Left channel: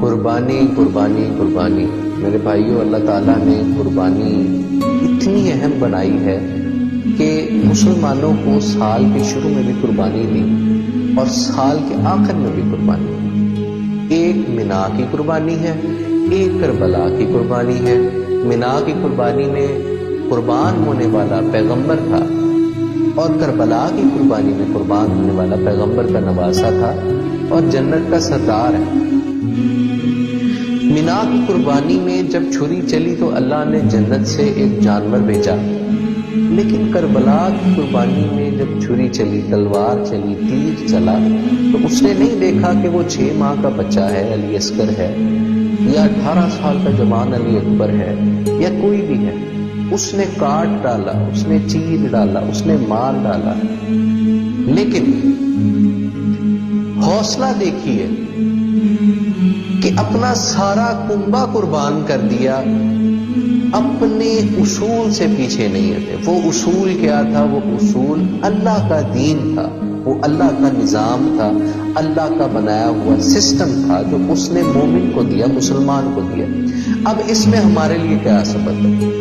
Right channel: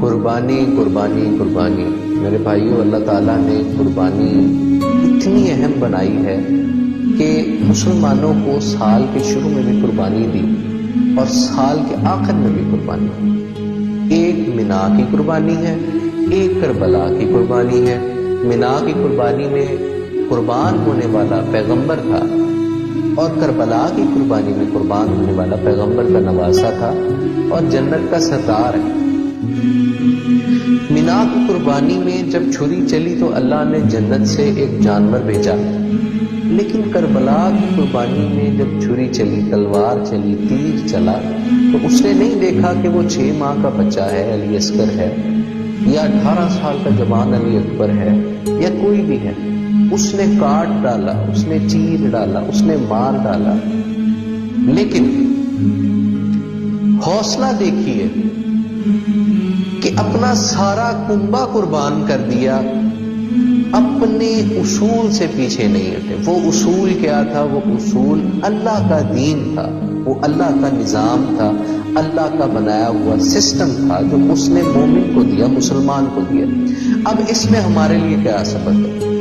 قربانی قربانی قربانی میرے بھائیوں، اللہ تعالیٰ نے قربانی اتنی اہم بنائی ہے کہ مسلمانوں کو سال کے شروع میں بھی قربانی دی اور سال کے آخر میں بھی قربانی دی۔ ایک منا کی قربانی ہے، ایک کربلا کی قربانی ہے۔ منا کی قربانی میں قربان ہونے والا پیغمبر تھا اور کربلا کی قربانی میں قربان ہونے والا پیغمبر کا نواسا تھا اور جنت کا سردار ہے۔ منا کی قربانی میں جب چھری چلی تو اللہ نے جنت سے ایک جانور بھیجا، لیکن کربلا کی قربانی میں جب چھری چلی، تلوار چلی، تیر چلا تو اس نے نہیں دیکھا کہ وہ 6 ماہ کا بچہ ہے، علی اصغر ہے، یا 18 سال کا جوان علی اکبر ہے، یا کوئی بھی ہے۔ اس نے کاٹ ڈالا، اس نے چیر ڈالا، اس نے مار ڈالا، لیکن حوصلہ دیکھیے کہ اپنا سارا کنبہ قربان کر دیا، اپنے اصول سے پیچھے نہیں ہٹے۔ وہ اصول کیا تھا؟ وہ اصول اللہ کا دین تھا، وہ اللہ کا نظام تھا، اللہ کا بنایا ہوا سسٹم تھا جو اس نے مومن کو دیا، مسلمان کو دیا۔ اب اس میں ہمارے لیے کیا سبق ہے؟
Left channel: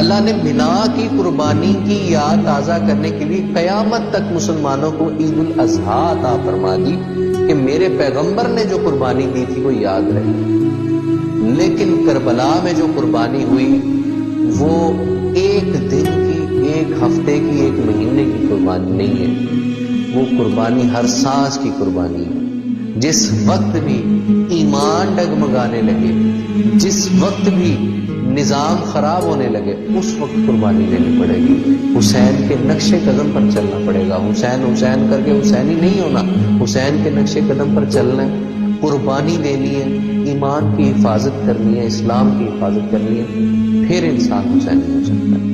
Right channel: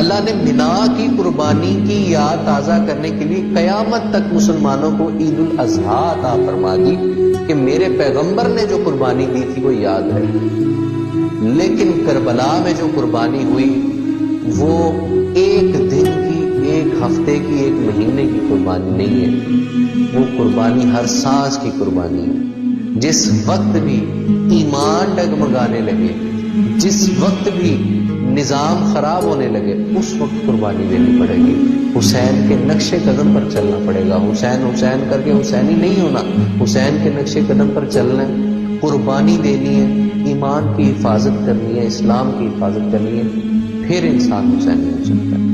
اللہ نے منا کی قربانی کی یاد تازہ کرنے کے لیے قیامت تک مسلمانوں کو عید الاضحیٰ عطا فرما دی کہ میرے پیغمبر نے جو قربانی دی تھی وہ یاد رہے۔ لیکن کربلا میں جو قربانی ہوئی وہ ایک دن کی، ایک ہفتے کی، ایک مہینے کی قربانی نہیں ہے، وہ قربانی ہر سانس کی قربانی ہے۔ جس وقت بھی ایمان ڈگمگانے لگے، جس وقت بھی نظام خراب ہونے لگے، اس وقت قربانی دینی پڑے گی۔ حسین کے نقش قدم پر چلنا پڑے گا۔ حسین حسین کر کے حسینی نہیں ہونا، حسین کے نقش قدم پر چلنا ہے، قربانی دینی ہے، ایمان کی حفاظت کرنی ہے، اسلام کی حفاظت کرنی ہے، پھر انسان حسینی ہو سکتا ہے۔